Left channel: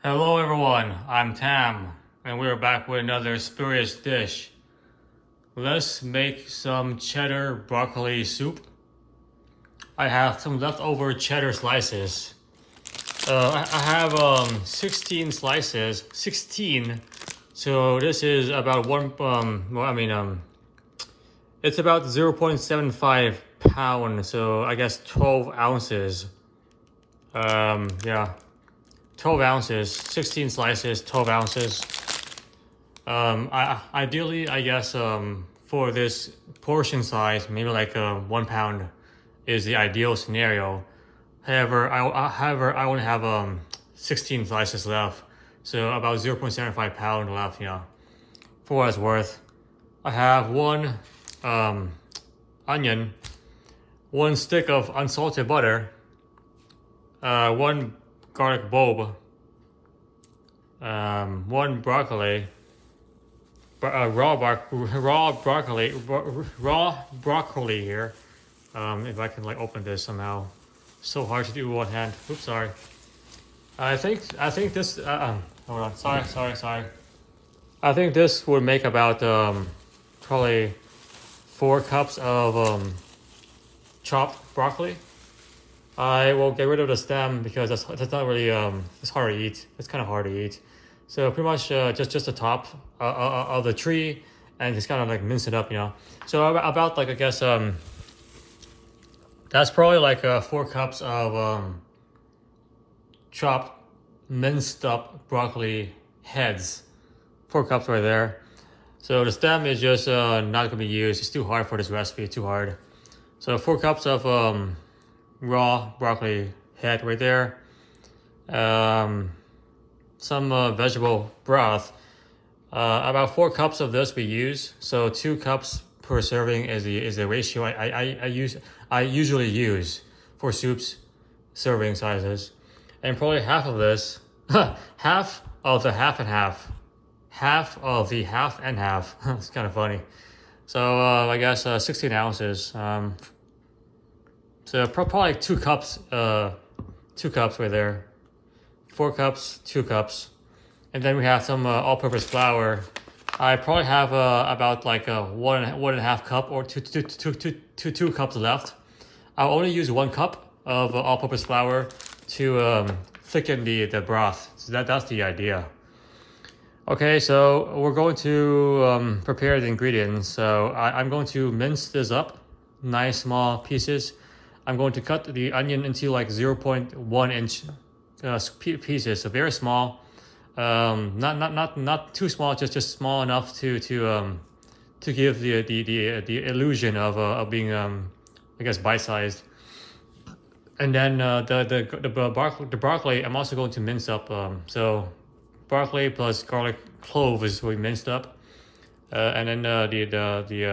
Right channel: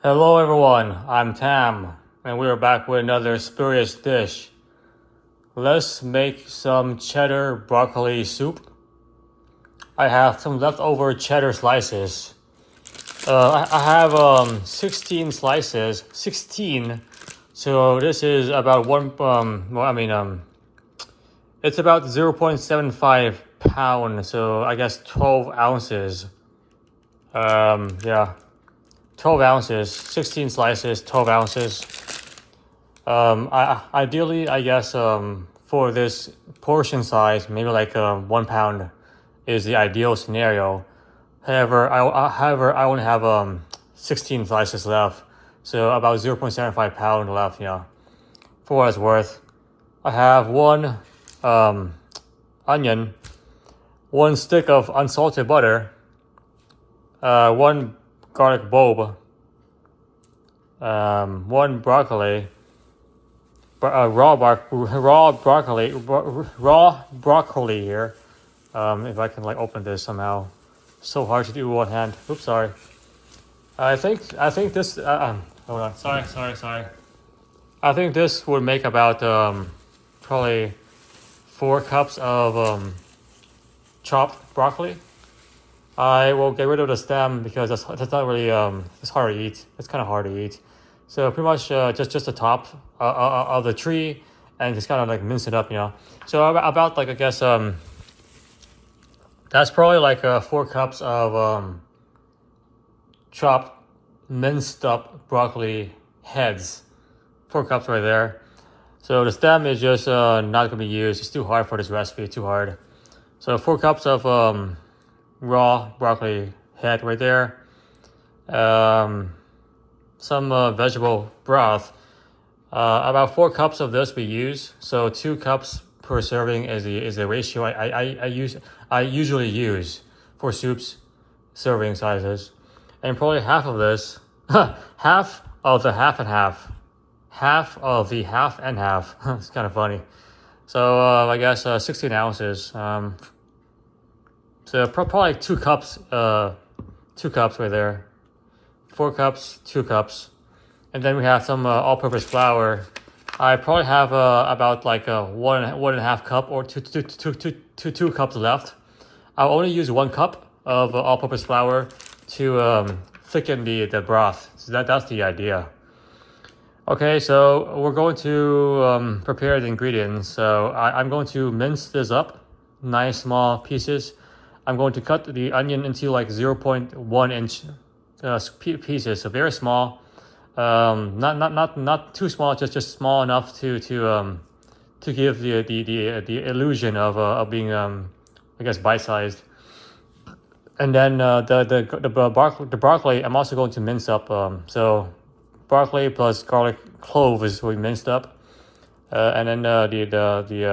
Hello everyone, I'm Tam, and we are back with another spurious dish. Let's make some cheddar broccoli soup. I have some leftover cheddar slices. I have 16 slices, 16. So this is about it's about 0.75 pounds, so I guess 12 ounces. Yeah. 12 ounces, 16 slices, 12 ounces. Ideally, I guess, for this portion size, maybe like 1 pound is the ideal scenario. However, I only have 16 slices left, so about 0.75 pound left. Yeah, for what it's worth. I have one onion, one stick of unsalted butter, one garlic bulb, one broccoli, raw broccoli here. If I can like open this somehow, so hard to do with one hand. Oops, sorry. I think this. Hold on. Sorry. I think this would make about probably 4 cups of chopped broccoli. I will get rid of the stem because that's not really it's hard to eat. It's kind of hard to eat. So pretty much just the top of the tree, and just kind of like mince it up, you know. So about like I guess that's probably like 4 cups of chopped minced up broccoli heads. 4 cups right there. So the stem is just not gonna be used. It's too hard for this recipe. Too hard. So 4 cups of raw broccoli head right there. Some vegetable broth. About 4 cups of this we use. So 2 cups per serving is the ratio I usually use for soups serving sizes. And probably half of this, half of the half and half, half of the half and half. It's kind of funny. So I guess 16 ounces. So probably 2 cups, 2 cups right there. 4 cups, 2 cups. And then we have some all-purpose flour. I probably have about like one and a half cup or two cups left. I'll only use 1 cup of all-purpose flour to thicken the broth. So that's the idea. Okay, so we're going to prepare the ingredients. So I'm going to mince this up, nice small pieces. I'm going to cut the onion into like 0.1 inch pieces, so very small. Not too small, just small enough to give the illusion of being I guess bite-sized. And then the broccoli I'm also going to mince up. So broccoli plus garlic cloves will be minced up. And then the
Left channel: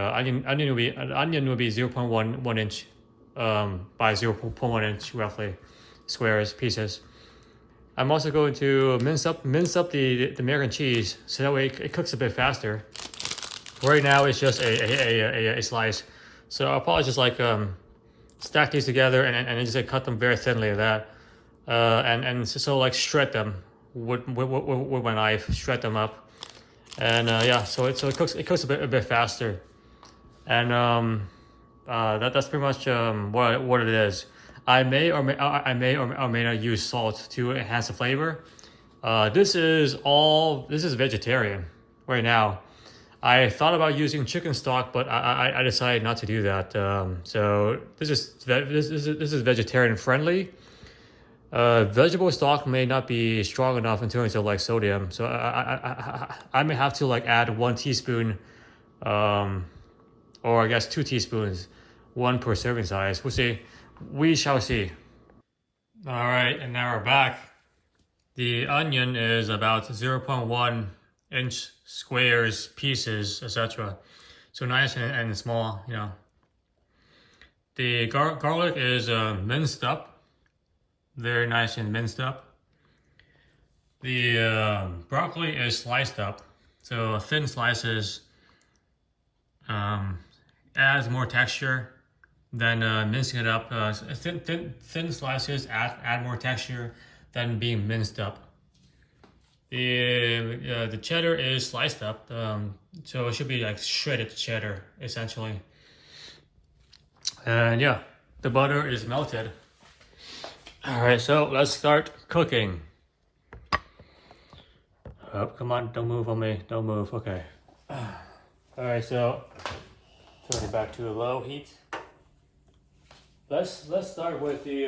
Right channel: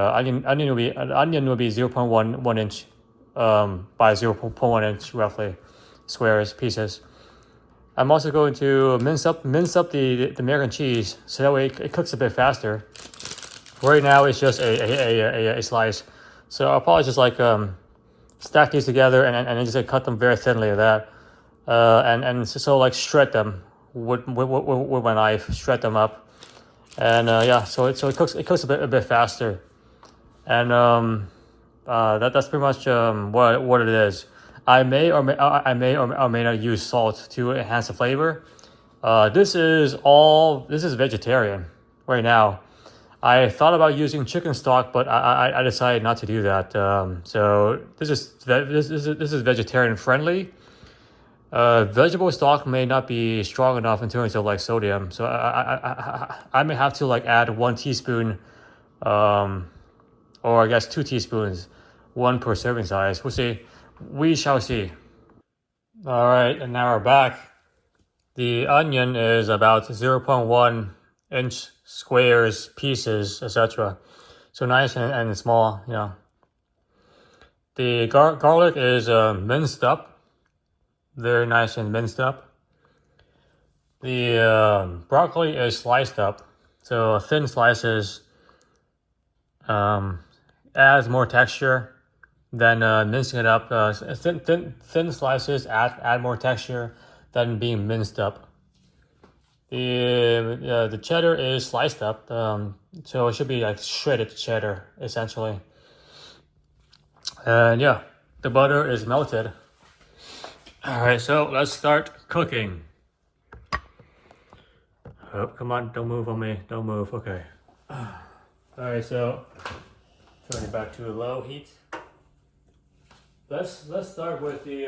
onion will be 0.1 inch by 0.1 inch roughly squares pieces. I'm also going to mince up the American cheese so that way it cooks a bit faster. Right now it's just a slice, so I'll probably just like stack these together and then just like, cut them very thinly like that, and so like shred them with my knife, shred them up, and yeah, so it cooks a bit faster, and that's pretty much what it is. I may or may not use salt to enhance the flavor. This is vegetarian right now. I thought about using chicken stock, but I decided not to do that. So this is vegetarian friendly. Vegetable stock may not be strong enough in terms of like sodium, so I may have to like add 1 teaspoon, or I guess 2 teaspoons, 1 per serving size. We'll see. We shall see. All right, and now we're back. The onion is about 0.1 inch squares, pieces, etc. So nice and small, you know. The garlic is minced up, very nice and minced up. The broccoli is sliced up, so thin slices adds more texture. Then mincing it up, thin slices add more texture than being minced up. The cheddar is sliced up, so it should be like shredded cheddar essentially. And yeah, the butter is melted. All right, so let's start cooking. Oh, come on, don't move on me, don't move. Okay. All right, so turn it back to a low heat. Let's start with the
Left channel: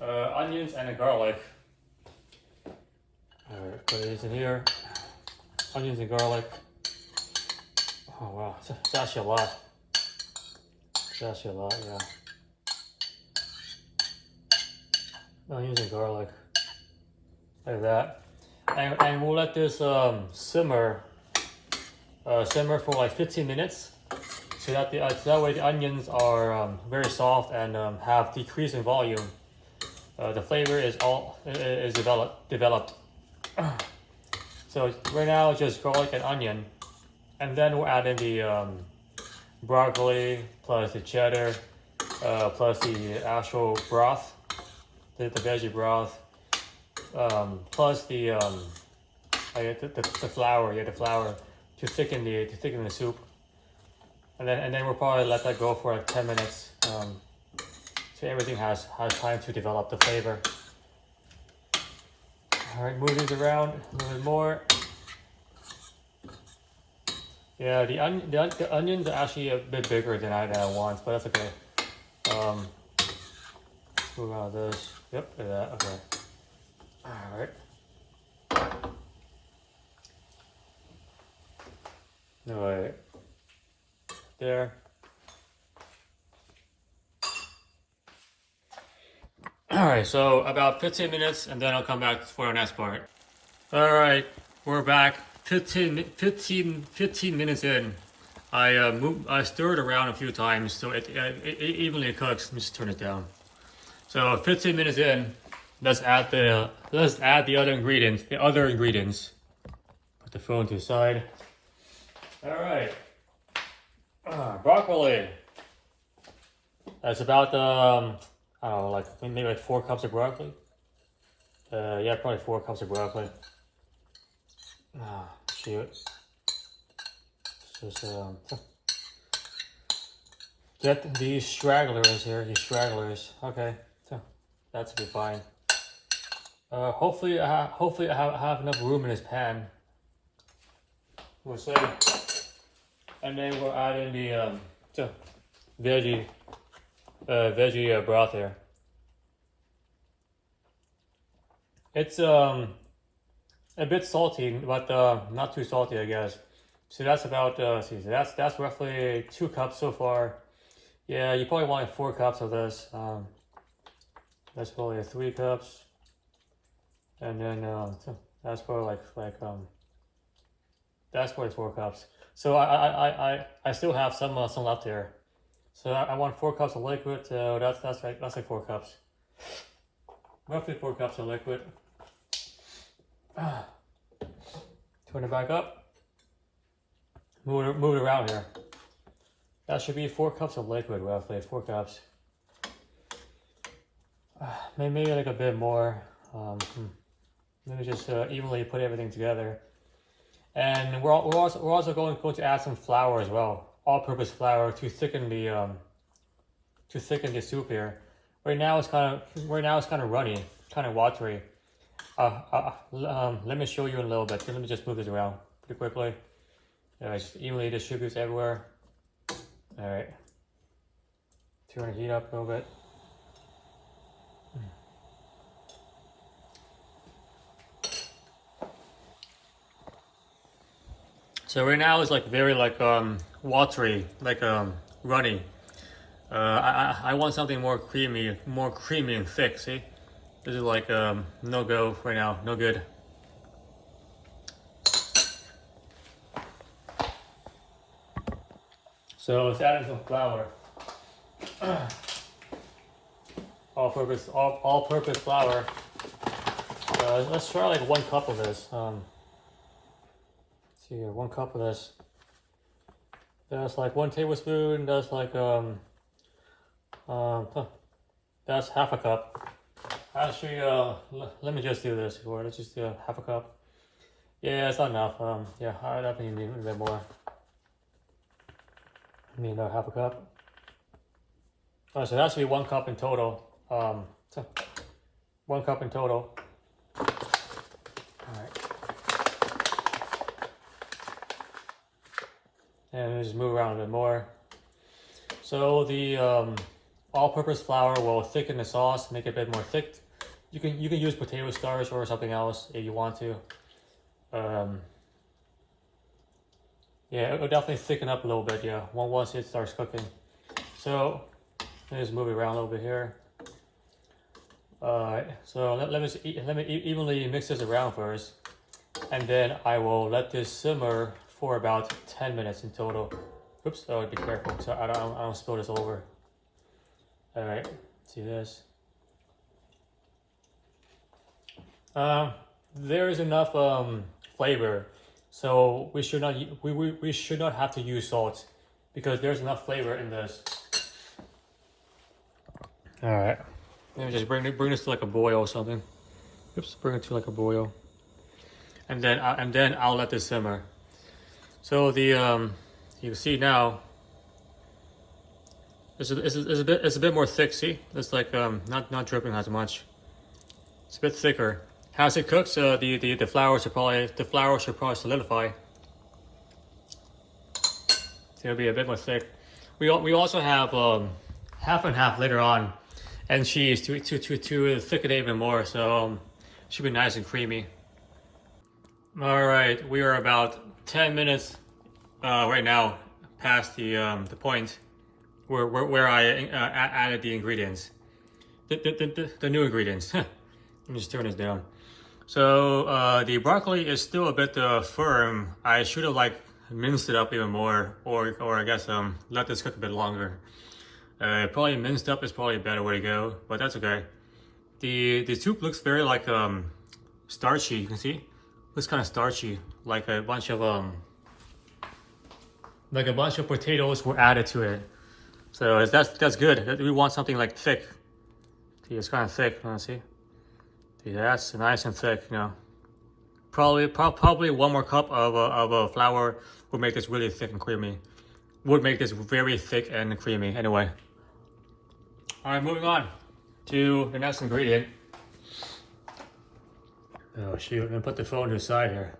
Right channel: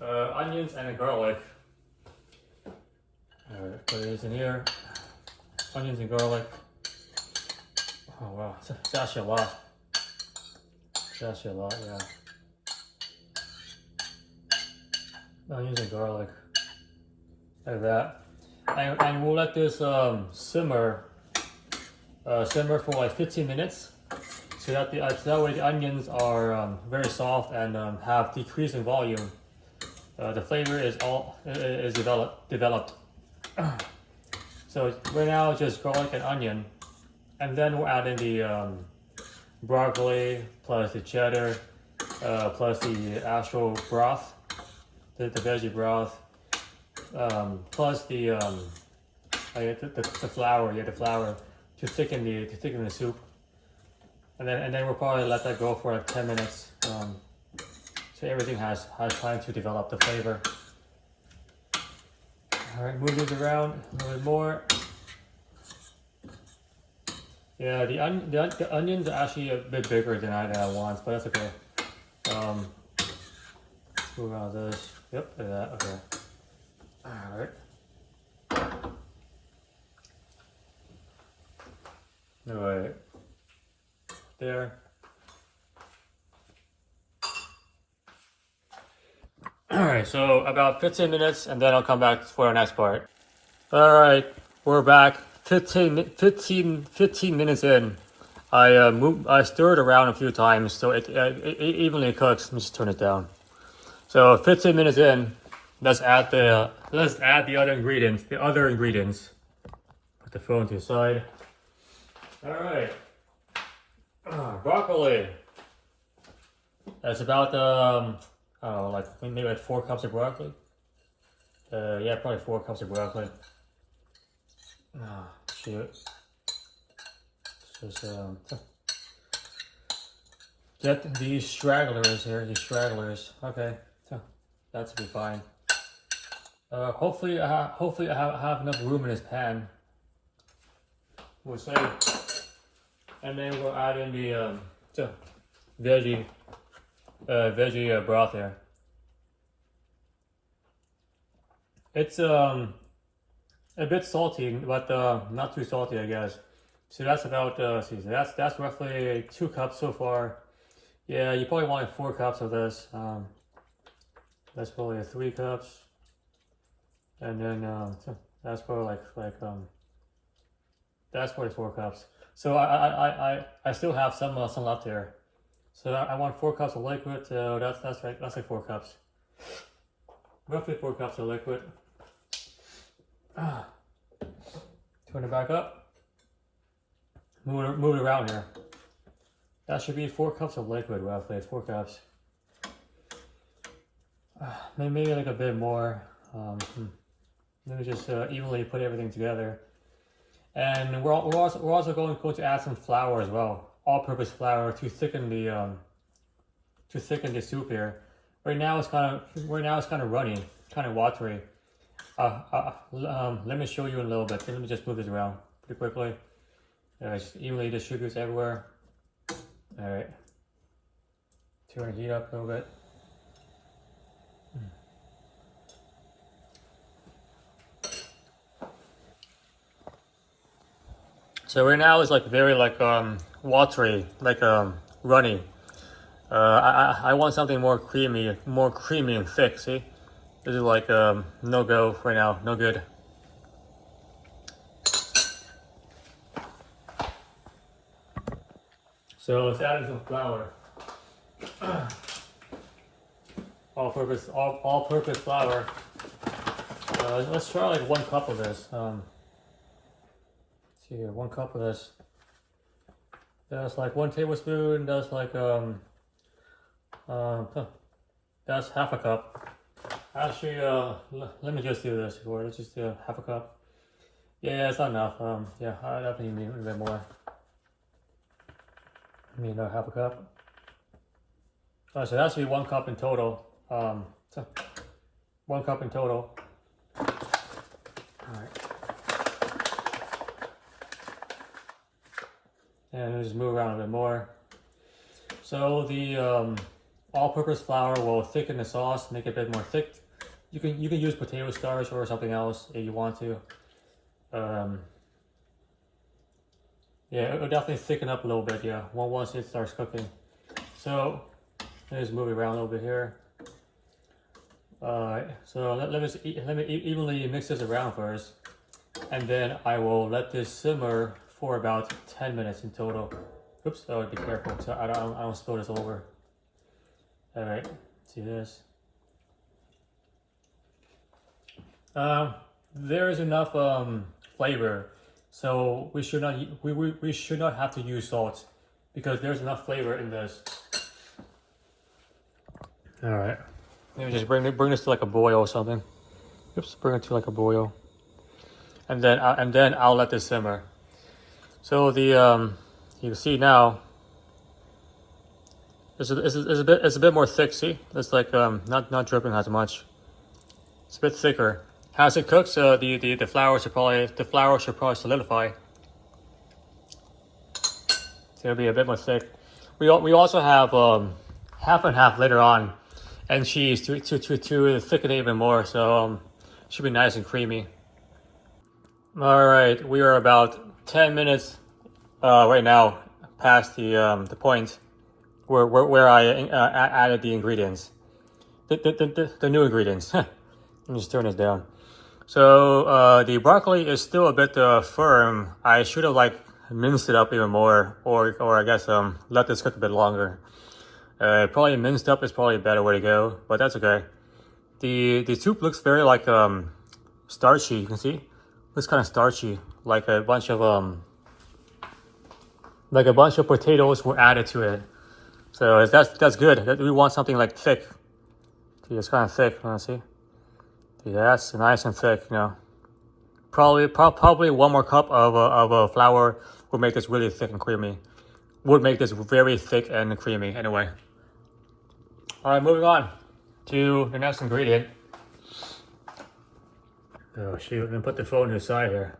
onions and the garlic. All right, put this in here. Onions and garlic. Oh wow, it's actually a lot. It's actually a lot, yeah. Onions and garlic, like that, and we'll let this simmer for like 15 minutes, so that that way the onions are very soft and have decreased in volume. The flavor is developed. So right now it's just garlic and onion, and then we'll add in the broccoli plus the cheddar plus the actual broth, the veggie broth, plus the flour, the flour to thicken the soup, and then we'll probably let that go for like 10 minutes, so everything has time to develop the flavor. All right, move these around a little bit more. Yeah, the onions are actually a bit bigger than I want, but that's okay. Move around this. Yep, like that. Okay. All right. All right. There. All right. So about 15 minutes, and then I'll come back for our next part. All right, we're back. 15 minutes in. I stirred around a few times, so it evenly cooks. Let me just turn it down. So 15 minutes in, let's add the other ingredients. Put the phone to the side. All right, broccoli. That's about I don't know, like maybe like 4 cups of broccoli. Yeah, probably 4 cups of broccoli. Oh, shoot. Just get these stragglers here, Okay, so that should be fine. Hopefully I have enough room in this pan. We'll see. And then we'll add in the veggie broth here. It's a bit salty, but not too salty, I guess. So that's about that's roughly 2 cups so far. Yeah, you probably want 4 cups of this. That's probably 3 cups, and then that's probably that's probably 4 cups. So I still have some left here. So I want 4 cups of liquid. So that's right. That's like 4 cups. Roughly 4 cups of liquid. Turn it back up. Move it around here. That should be 4 cups of liquid, roughly 4 cups. Maybe like a bit more. Let me just evenly put everything together. And we're also going to add some flour as well, all-purpose flour to thicken the soup here. Right now it's kind of runny, kind of watery. Let me show you in a little bit. Let me just move this around pretty quickly. Just evenly distributes everywhere. All right. Turn the heat up a little bit. So right now it's like very watery, runny. I want something more creamy and thick. See, this is like no go right now, no good. So let's add in some flour. All-purpose flour. Let's try like 1 cup of this. Let's see here, 1 cup of this. That's like 1 tablespoon. That's like that's half a cup. Actually, let me just do this. Let's just do half a cup. Yeah, it's not enough. Yeah, I definitely need a bit more. I need another half a cup. Oh, so that should be 1 cup in total. So 1 cup in total. All right. And we'll just move around a bit more. So the all-purpose flour will thicken the sauce, make it a bit more thick. You can use potato starch or something else if you want to. Yeah, it'll definitely thicken up a little bit. Yeah, once it starts cooking. So let me just move it around a little bit here. Alright, so let me evenly mix this around first, and then I will let this simmer for about 10 minutes in total. Oops, I would be careful so I don't spill this over. Alright, see this. There is enough flavor, so we should not have to use salt because there's enough flavor in this. All right, maybe just bring this to like a boil or something. Oops, bring it to like a boil, and then I'll let this simmer. So the you can see now it's a bit more thick. See, it's like not dripping as much. It's a bit thicker. As it cooks, the flour should probably solidify. So it'll be a bit more thick. We also have half and half later on, and cheese to thicken it even more. So should be nice and creamy. All right, we are about 10 minutes right now past the point where I added the ingredients, the new ingredients. Let me just turn this down. So the is still a bit firm. I should have like minced it up even more, or I guess let this cook a bit longer. Probably minced up is probably a better way to go, but that's okay. The soup looks very like starchy. You can see, looks kind of starchy, like a bunch of potatoes were added to it. So that's good. We want something like thick. See, it's kind of thick. See. Yeah, that's nice and thick, you know. Probably 1 more cup of flour would make this really thick and creamy. Would make this very thick and creamy. Anyway. All right, moving on to the next ingredient. Oh shoot! Let me put the phone to the side here.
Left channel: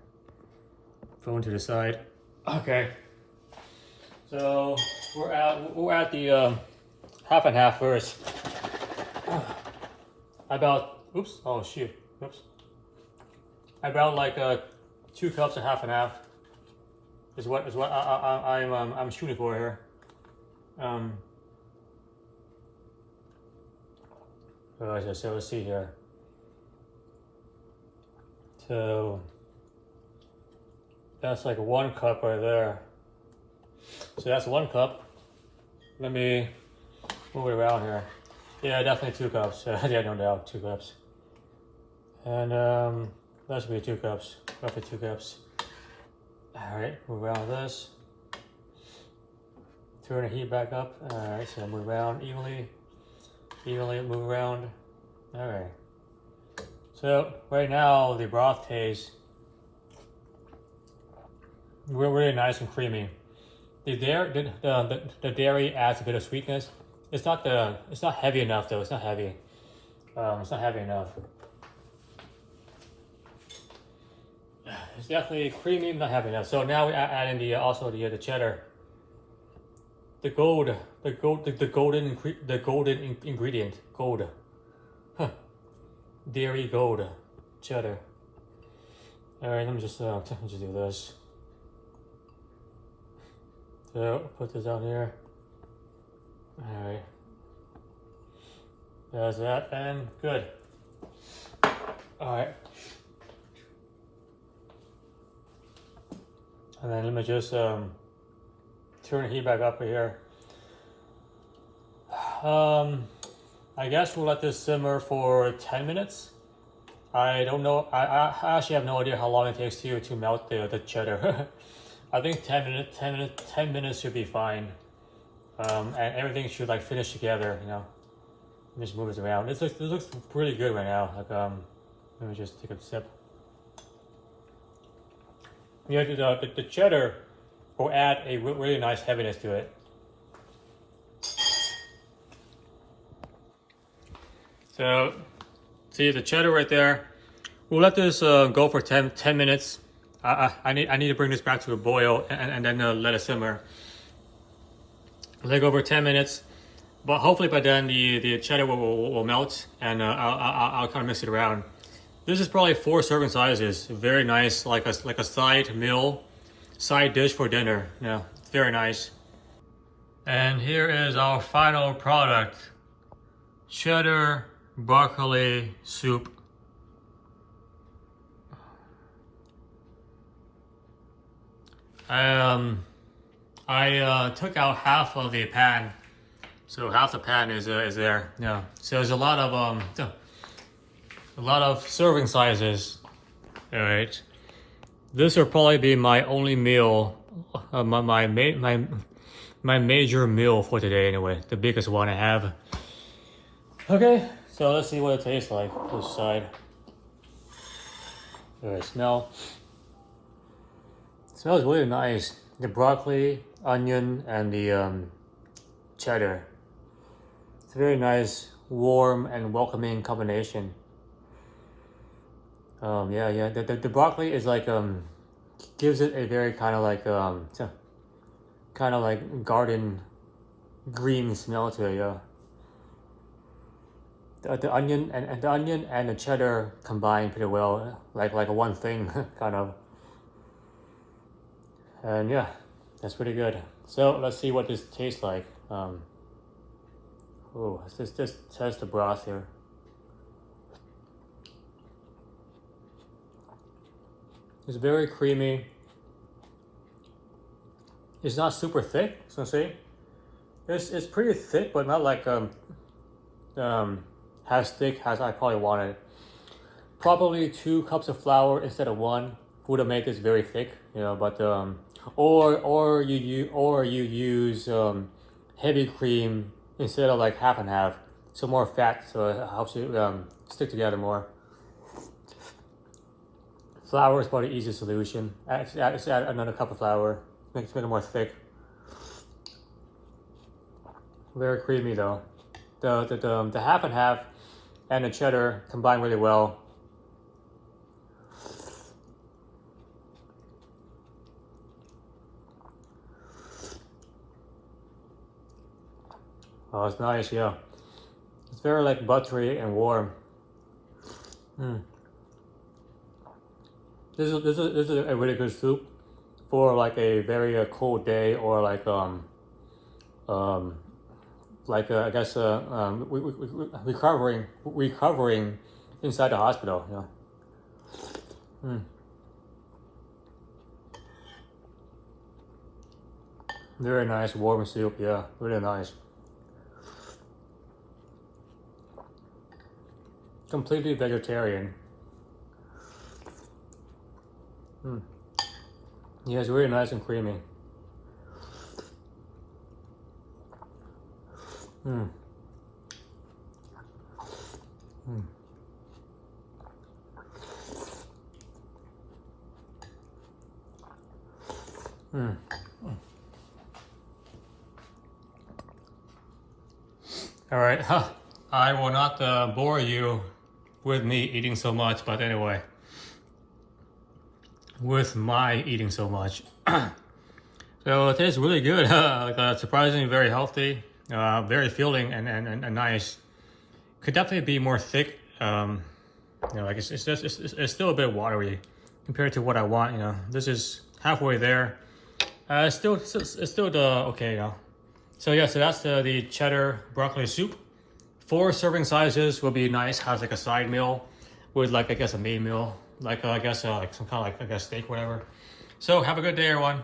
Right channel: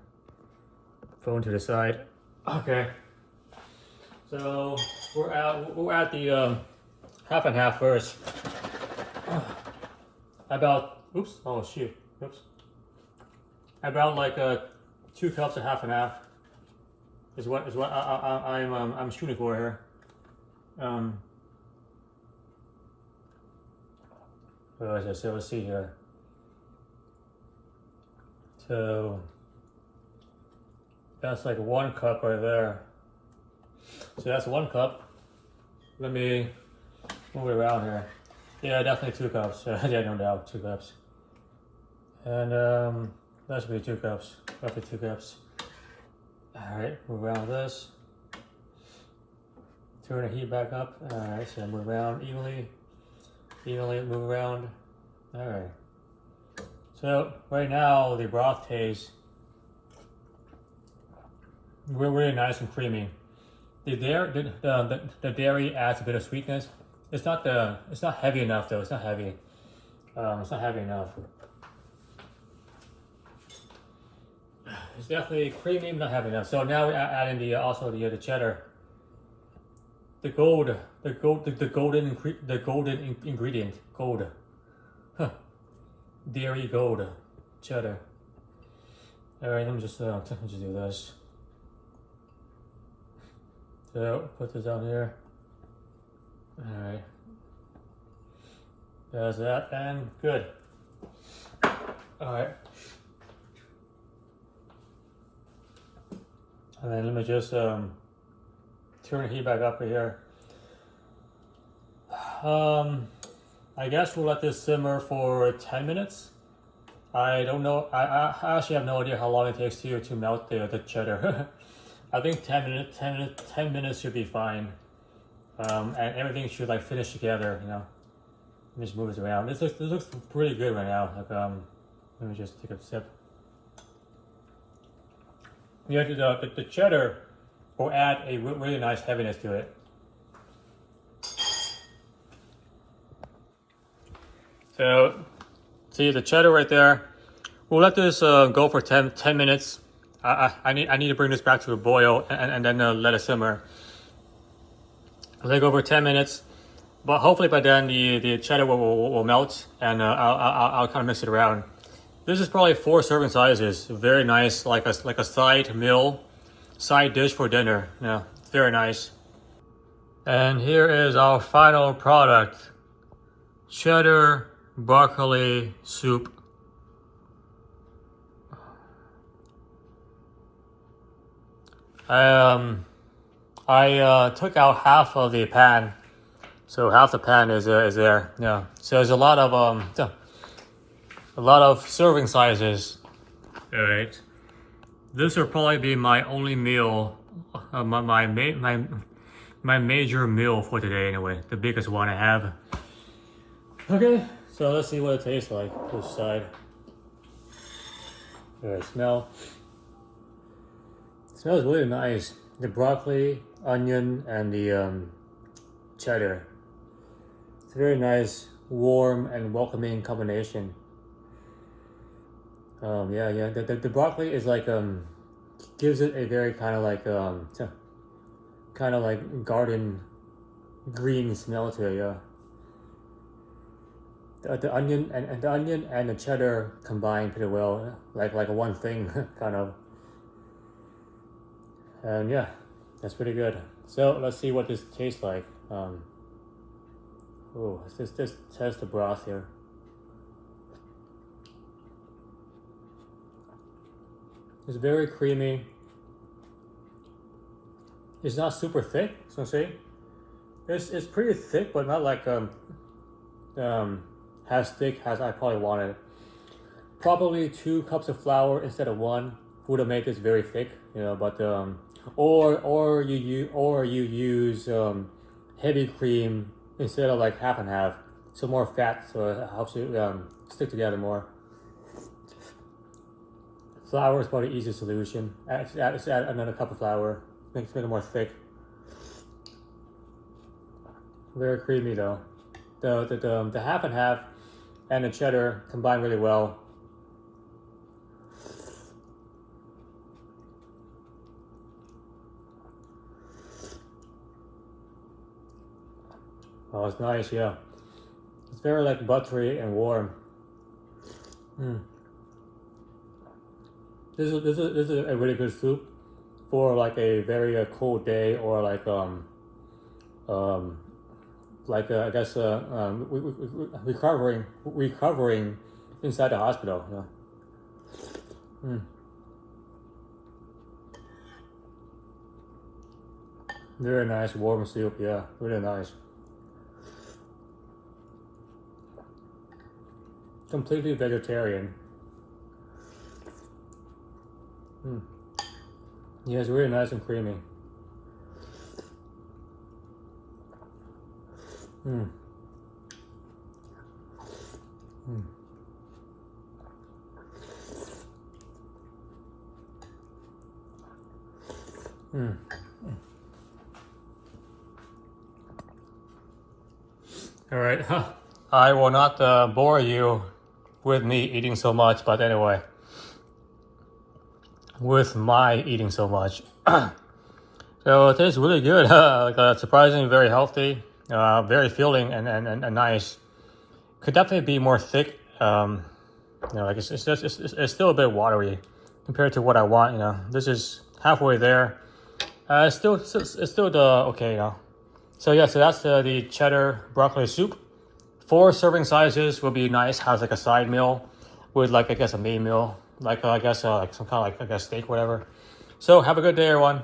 Phone to the side. Okay. So we're at the half and half first. About. Oops! Oh shoot! Oops! About like 2 cups of half and half is what I'm shooting for here. So let's see here. So that's like 1 cup right there. So that's 1 cup. Let me move it around here. Yeah, definitely 2 cups. Yeah, no doubt, 2 cups. And that should be 2 cups, roughly 2 cups. All right, move around this. Turn the heat back up. All right, so move around evenly move around. All right. So right now the broth tastes really nice and creamy. The dairy adds a bit of sweetness. It's not heavy enough though. It's not heavy. It's not heavy enough. It's definitely creamy, not heavy enough. So now we add in also the cheddar. The golden ingredient, gold. Huh. Dairy gold, cheddar. All right, let me just do this. So put this down here. All right. There's that, and good. All right. And then let me just turn the heat back up here. I guess we'll let this simmer for 10 minutes. I don't know. I actually have no idea how long it takes to melt the cheddar. I think 10 minutes should be fine. And everything should like finish together, you know. Just move this around. This looks pretty good right now. Like let me just take a sip. Yeah, the cheddar will add a really nice heaviness to it. So, see the cheddar right there. We'll let this go for 10 minutes. I need to bring this back to a boil and then let it simmer. Let it go for 10 minutes. But hopefully by then the cheddar will melt, and I'll kind of mix it around. This is probably 4 serving sizes. Very nice, like a side dish for dinner. Yeah, very nice. And here is our final product: cheddar broccoli soup. I took out half of the pan. So half the pan is there. Yeah. So there's a lot of serving sizes. All right. This will probably be my only meal, my major meal for today anyway. The biggest one I have. Okay. So let's see what it tastes like. This side. All right. Smell. It smells really nice. The broccoli, onion, and the cheddar. It's a very nice, warm, and welcoming combination. Yeah. The broccoli is like gives it a very kind of like garden green smell to it. Yeah. The onion and the cheddar combine pretty well, like one thing kind of. And yeah, that's pretty good. So let's see what this tastes like. Let's just test the broth here. It's very creamy. It's not super thick, so see? It's pretty thick, but not like as thick as I probably wanted. Probably 2 cups of flour instead of 1 would have made this very thick, you know. But or you use heavy cream instead of like half and half, so more fat, so it helps you stick together more. Flour is probably the easiest solution. Add another cup of flour, make it more thick. Very creamy though. The half and half and the cheddar combine really well. Oh, it's nice, yeah. It's very like buttery and warm. This is a really good soup for like a very cold day, or like I guess recovering inside the hospital. Yeah. Very nice warm soup. Yeah, really nice. Completely vegetarian. Yeah, it's really nice and creamy. All right, I will not bore you with me eating so much, but anyway, with my eating so much. So it tastes really good. Surprisingly very healthy, very filling and nice. Could definitely be more thick. Like it's still a bit watery compared to what I want. You know, this is halfway there. It's still okay. You know. So yeah, so that's the cheddar broccoli soup. 4 serving sizes would be nice. Has like a side meal with like I guess a main meal, like I guess like some kind of like I guess steak, whatever. So have a good day, everyone.